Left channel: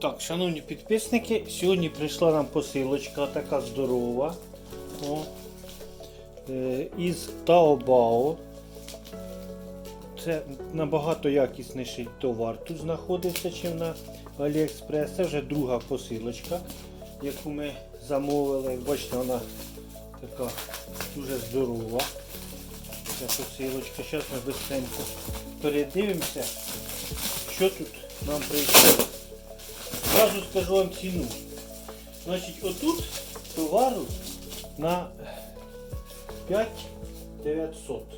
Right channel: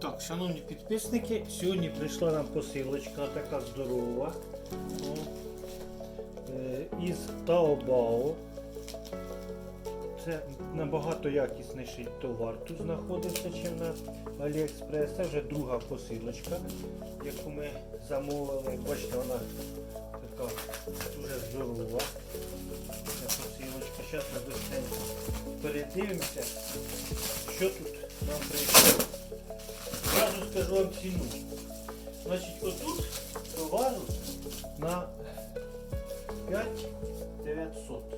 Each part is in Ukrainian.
Так, шановні підписники, сьогодні прийшла нам посилочка така здорова. О, е, із Taobao. Це набагато якісніший товар. Тут знаходиться чи на AliExpress. Це вже друга посилочка, яку ми замовили. Бачите, вона така дуже здорова. Ця посилочка. Зараз ми быстренько передивимося, що тут нам прийшло. Зразу скажу вам ціну. Значить, отут товару на 5900.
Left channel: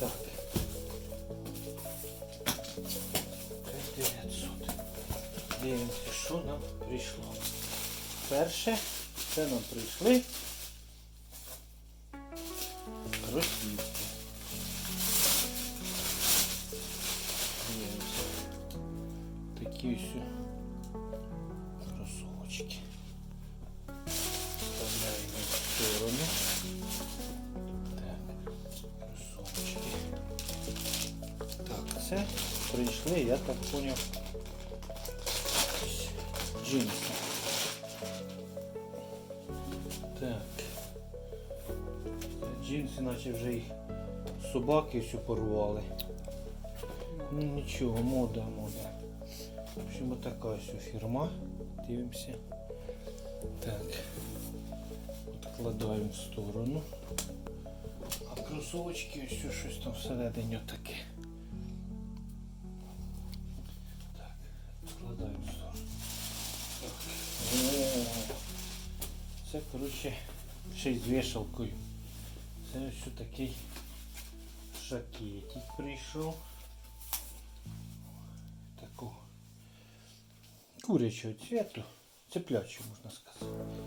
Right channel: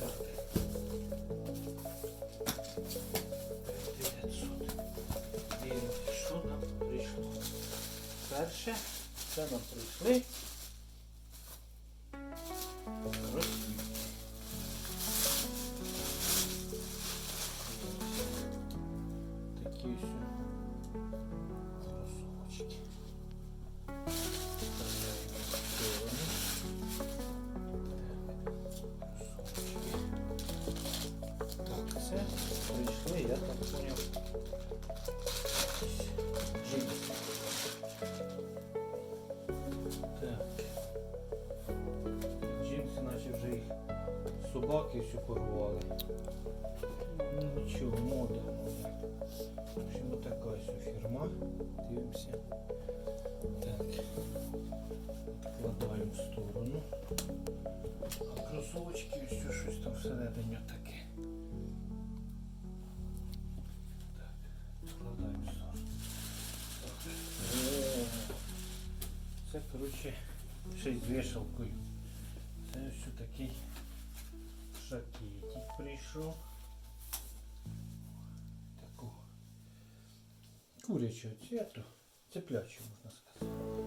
Так. 5900. Дивимося, що нам прийшло. Перше, це нам прийшли собаки всю порвали. Ну нічого, мода, мода. В общем, вот така ось фірма. Дивимося. Так. Відкладаємо в сторону. А кросовочки ось щось там всередині таке. Так, відкладаємо в сторону. Так. Це, коротше, ще й з вішалкою. Це ось такий жакетик прийшов. Таку курячого цвіту. Цеплячу, можна сказати.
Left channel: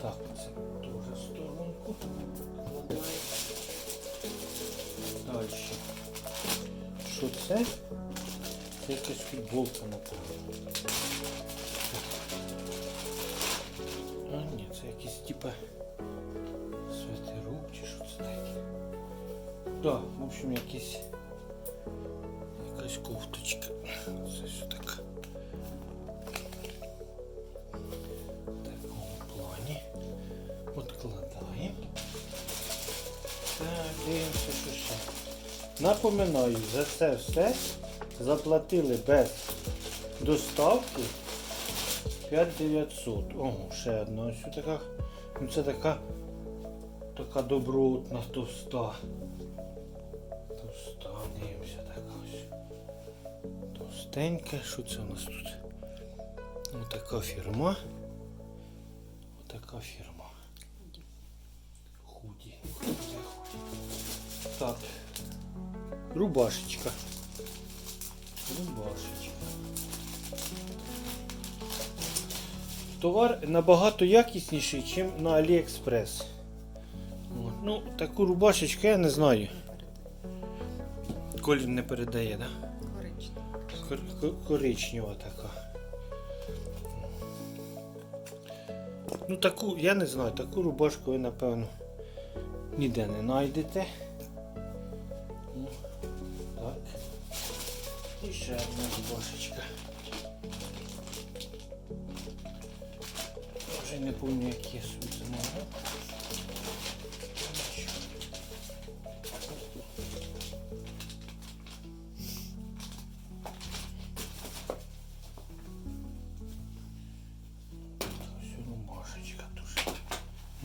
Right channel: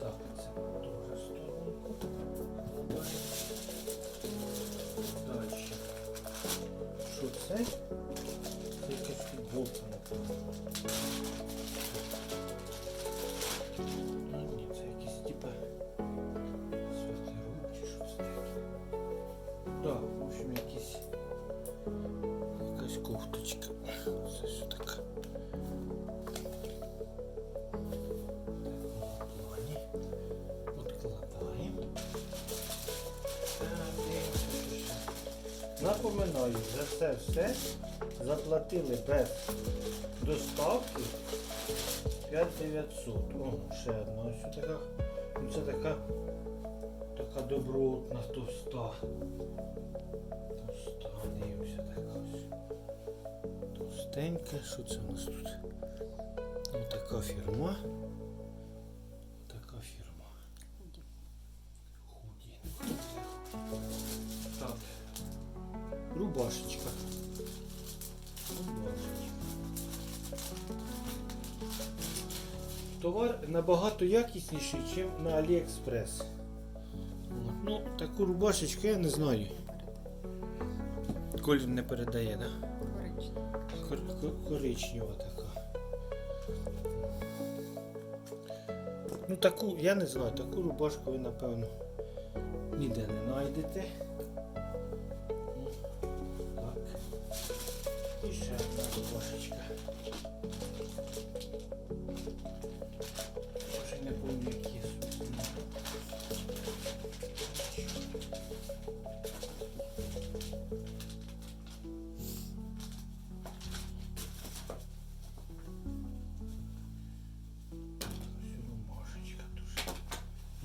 Так, це дуже сторонку. Далі. Що це? Це якась футболка, напевно. А, ні, це якийсь типа Да, в общем, якийсь якась кофточка. Це все так. Напоминаю, за це все заплатили без доставки 5900. О, ще одна ось така. Ну це така така добротна товста. Товста, дивимося така ось. Товстенька. Що це у нас тут? Отака фірма. Отака фірма. Худі. Так. Рубашечка. Рубашечка. Товар набагато якісніший, ніж на AliExpress. От. Ну, таку рубашечку я не знаю. Колір не передає, так? Да? Кор- кор- коричнева така. Ну таку, я не знаю, таку рубашку ви, напевно, ніде не знайдете. Ну, Так. І ще одна рубашечка. Вже не пам'ятаю,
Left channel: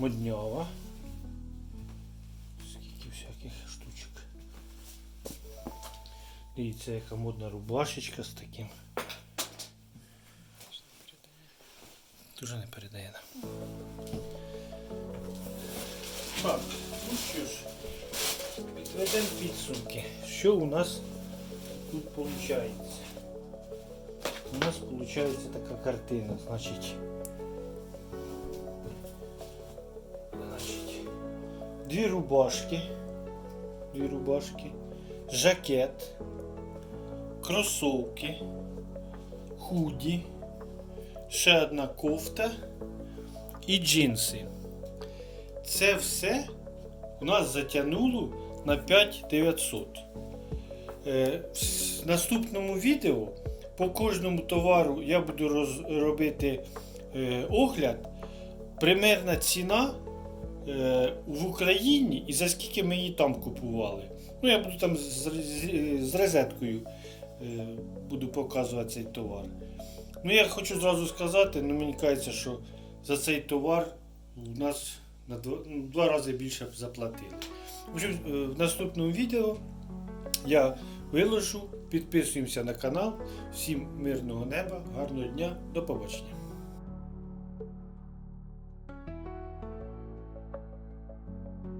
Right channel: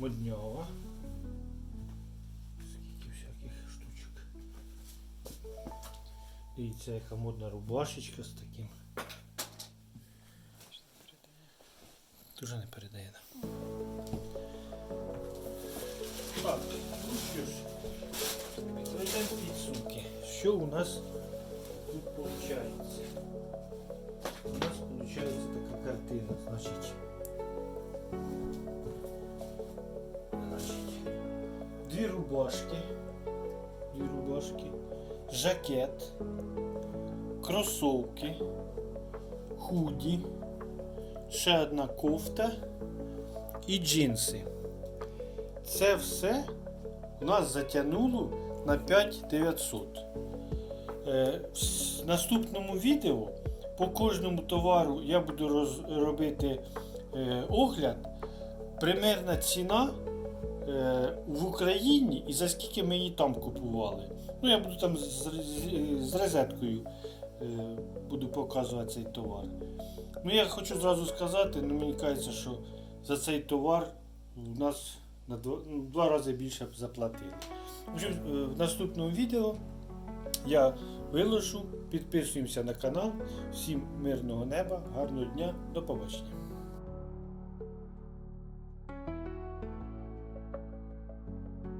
моднява. Скільки всяких штучок. Дивіться, яка модна рубашечка з таким. Дуже не передає. да? Так, ну що ж, підведемо підсумки. Що у нас тут виходить? У нас виходить така картина. Значить, дві рубашки, дві рубашки, жакет, кросовки, худі, ще одна кофта і джинси. Це все у нас затягнуло на 5900. Е, в наступному відео по кожному товару я буду робити е, огляд. Примерна ціна в Україні і за скільки ми її там купували. Ну, я буду там з, розеткою е, буду показувати цей товар. Ну, я хочу зразу сказати, ну мені кажеться, що за цей товар у нас на два, два рази більше заплатили. В общем, е, в наступному відео я виложу, підписуємося на канал. Всім мирного неба, гарного дня, до побачення.